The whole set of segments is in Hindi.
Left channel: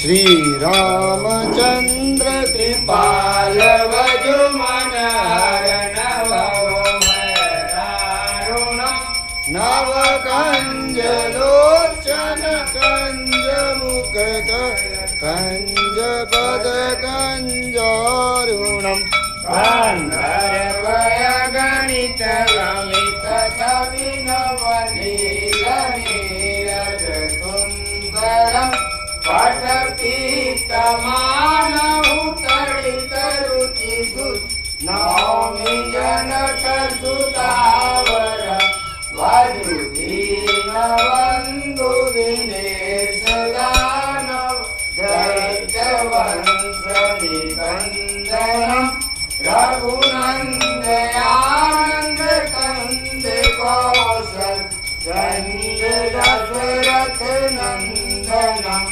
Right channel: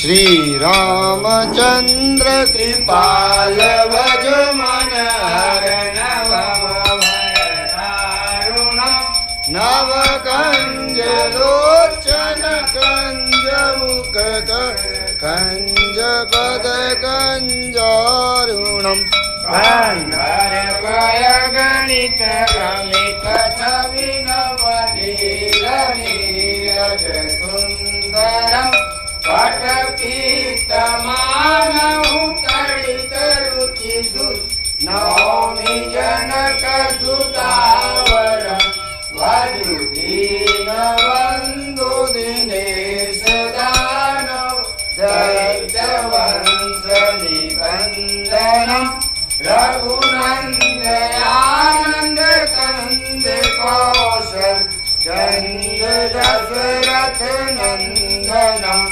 श्री रामचंद्र कृपाल भज मन नव कंज लोचन कंज मुखद कंज पद कंजारुणम गंधर्वय गणित अमित छवि नव नील नीरज सुंदरम पटपीतमानहु तडित रुचि नौमि जनक सुतावर वधुदीन बंधु दिनेश दानव दैत्य वंश निबंधनम रघुनंदनानंद कंद कौशल चंद दशरथ नंदनम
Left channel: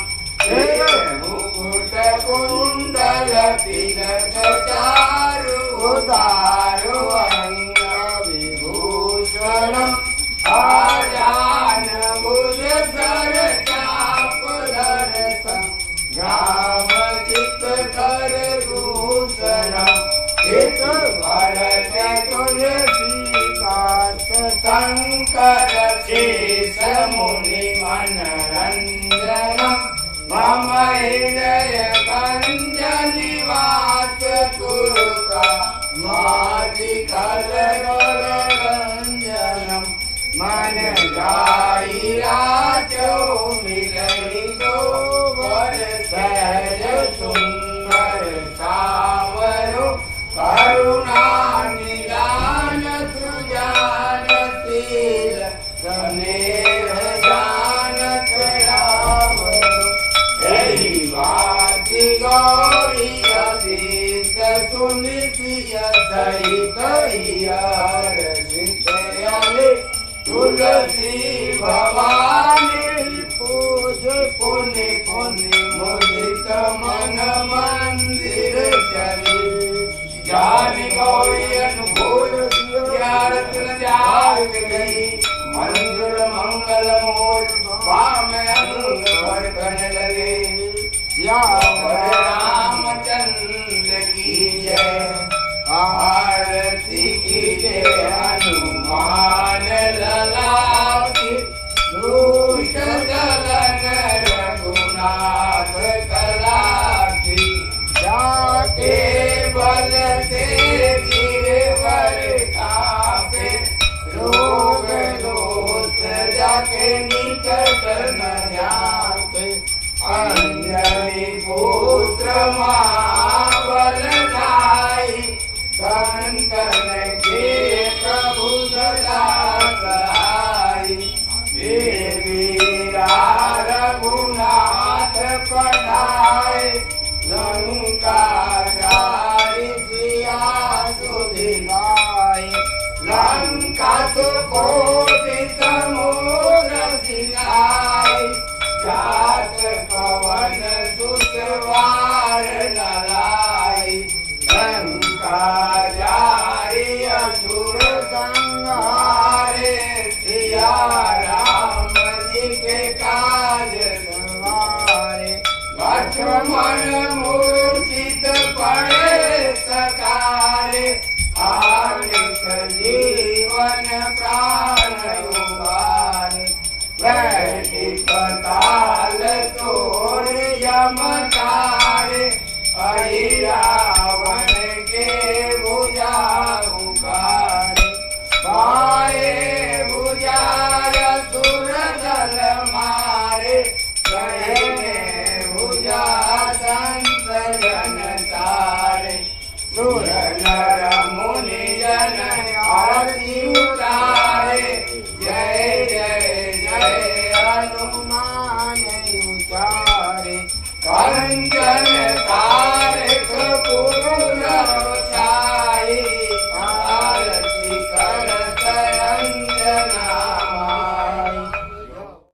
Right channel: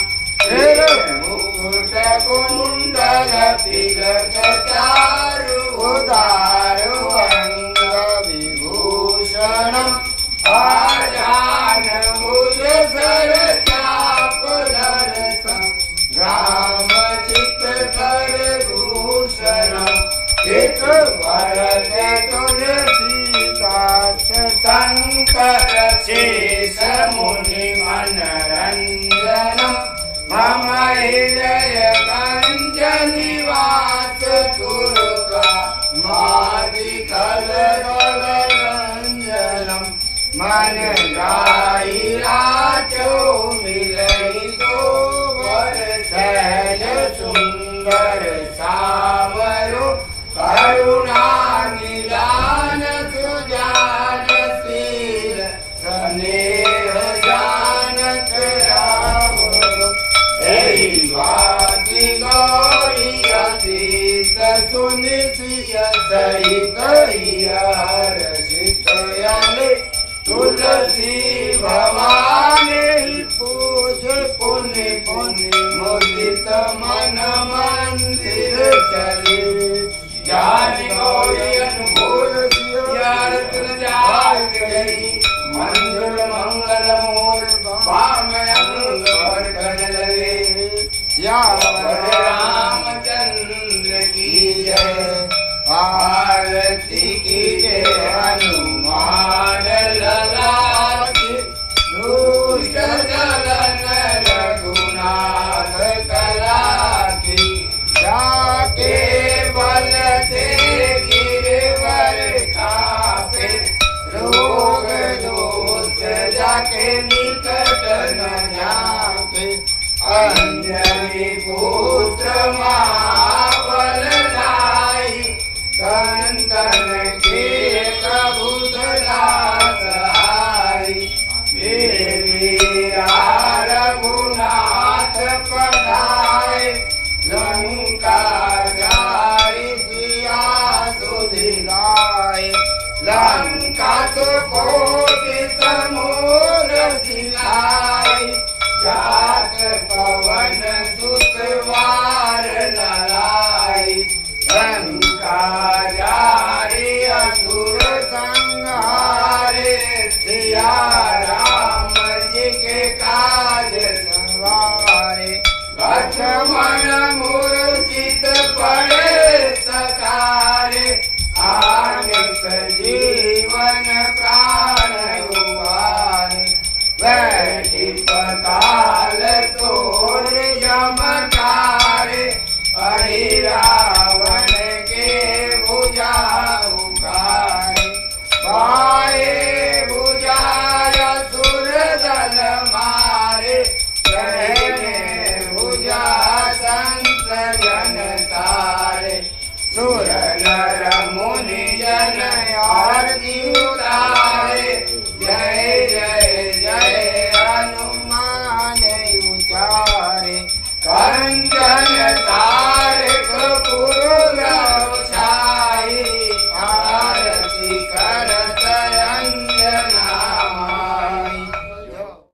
मुकुट कुंडल तिलक चारु उदारु अंग विभूषणम आजान भुज सर चाप दर्शन राम चित कर भूषणम एक भरत तुलसीदास शंकर शेष मुनि मनरंजनम मम हृदय कंज निवास कुरुका मादिकल रंजनम मन लाई राजो मिलई दो वर सहज सुंदर सावरो करुणा निदान सुजान शील स्नेह जानत रावरो वाति गौरी अतीत सुनिश्रिय सहित हर्षित याले तुलसी भवानी पूज पुनि पुनि मुदित मन मंदिर चली जान गौरी अनुभूत यार तुलजार गई मंजुल मंगल मूल वाम अंग वर्धन लगे रामचंद्र की जय आरती की जय हनुमान लला की दुष्ट दलन रघुनाथ कला की जाके बल से गिरवर कापे रोग दोष जाके निकट न जाके अंजलि पुत्र महाबल लाई संतन के प्रभु सदा सहाय देवी रघुनाथ पठाए लंका जारी सिया सुधिलाए लंका सुकोटि समूर सिलाए जात पवन सुतवार नलाई लंका जारी असुर संहारे सिया राम जी के काज संवारे लक्ष्मण मूर्छित पड़े सकारे आने सजीवन प्राण उबारे बैठी पताल तोड़ यमकारे हरि रावण के भुजा उगारे पाए भुजा असुर दल मारे कहने भुजा संत जन तारे सुर नर मुनि जन आरती उतारे जय जय जय हनुमान उचारे कंचन